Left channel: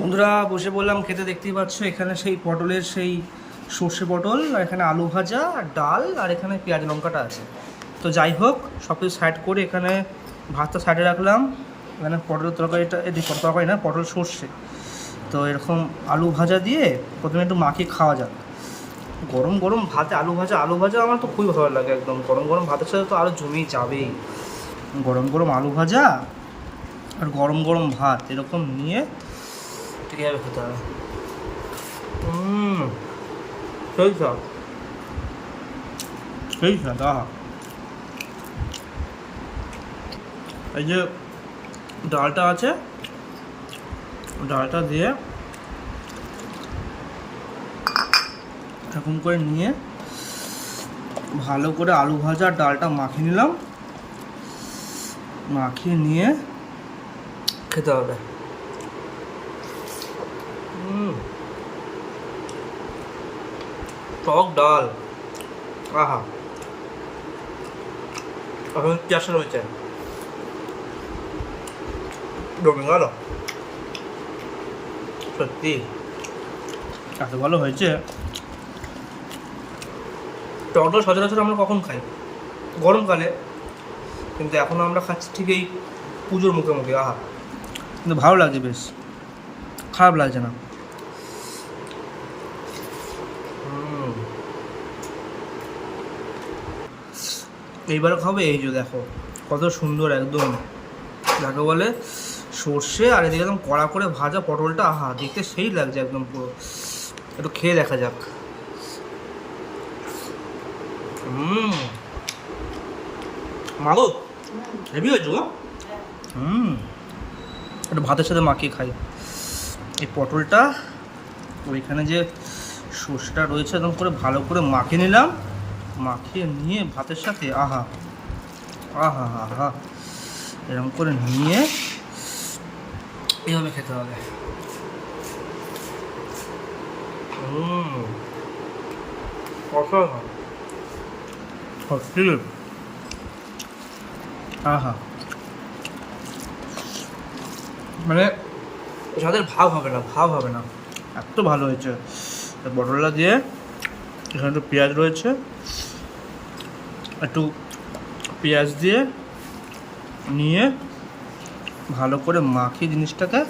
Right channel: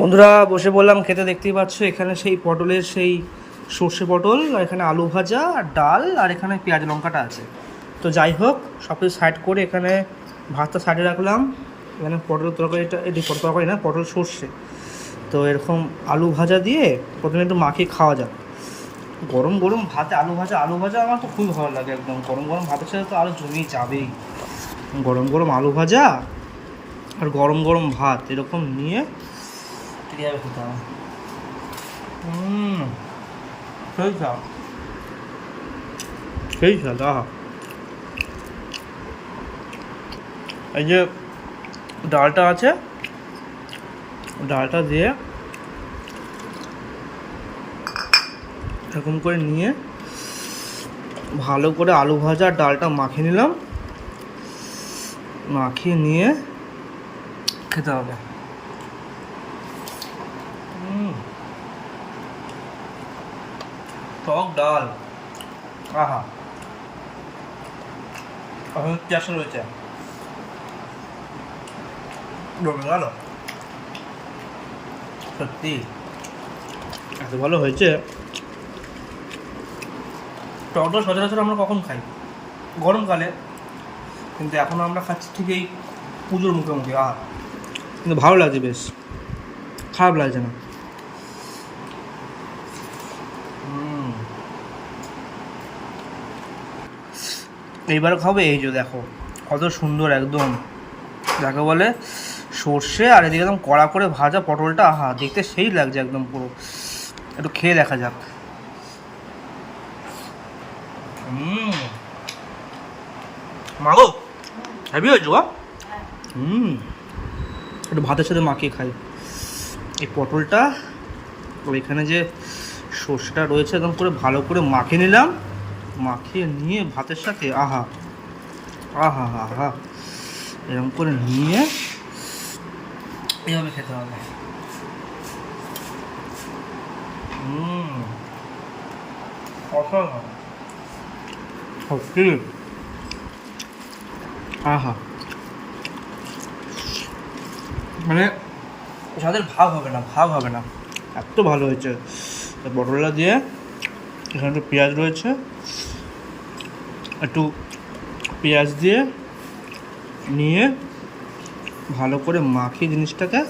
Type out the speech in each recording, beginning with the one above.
বন্ধুরা বসে বললাম খেতে, দেখতেই পাচ্ছ এখানে সেই পটলের সেই সর্ষে পটল, আর এখানে আলু ভাজা আর ডাল, আর এখানে পেঁয়াজ লঙ্কাটা আছে। তো যাই হোক, সব কিছু সাইড করে এখানে ভাতটা সাইডে রাখলাম। এখানে পটলের তরকারিটা, এটি পটল তরকারি না, পটল সর্ষে। তো এরকম আলু ভাজা দিয়ে প্রথমে একটু মাখিয়ে খাওয়া যাক। গরম গরম ভাতে আলু ভাজা আমার তো খুবই ভালো লাগে। একদম গরম গরম ভাতের সাথে তো আরও জমেই যাবেই। গরম গরম আলু ভাজা আর গরম গরম ভাত এরকম নিয়ে কীভাবে খেতে হবে। সেই স্বাদ, সেই স্বাদ। আহা, এই যে ডালটা আছে, ডালটা দিয়ে এরকম করে নিয়ে ভালো করে আলু ভাজা আর ডালটা মাখিয়ে নিলাম। মাখিয়ে নিয়ে খেতে হবে। টক ডাল, আহা, এখন কেসে রয়েছে, জমে গেল। সত্যি এত ভালো হয়েছে। টক ডাল সচরাচর আমরা কখন খাই? গরমকালে। কিন্তু এখন আমরা খাচ্ছি ঠিক এই পুজোর মুখে মুখে। আহা, কিন্তু ভালো লাগছে, বেশ খারাপ লাগছে না। এইবারও খাবো। এই যে দেখো কত সুন্দর, একদম যাকে বলে সর্ষে, আর এদিকে একদম কড়া করে ভাজা পটলটা। আহা, দেখতে সেই লাগছে একদম পুরো। একটু খেয়ে দেখা যাক। মাগো, হেভি হয়েছে গো। একটু ভাতের সাথে মাখিয়ে খাই এই পটলটা। ওইখানে যে সর্ষেটা রয়েছে একদম করে ভালো করে মাখিয়ে নিলাম। মাখিয়ে নিয়ে ভাতের সাথে, আহা আহা আহা, এরকম করে নিয়ে এইভাবে খেতে হবে। অসাধারণ সত্যি। আহা, মানে যাদের ভাগ হবে না, ভাগ হবে না, এত ভালো হয়েছে। পটলটা দিয়ে এখানে একটু পেঁয়াজ রয়েছে, একটু পেঁয়াজ দিয়ে নিয়ে ভালো করে মাখিয়ে জিনিসটাকে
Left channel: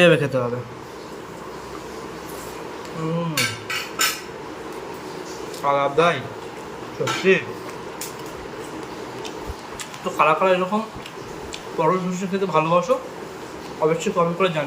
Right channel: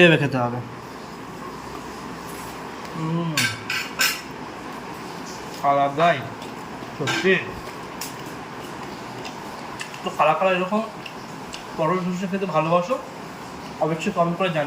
এভাবে খেতে হবে। আলাদাই সত্যি। তো কারা কারা এরকম পটল সর্ষে খেতে ভালোবাসো অবশ্যই কমেন্ট করে জানিও।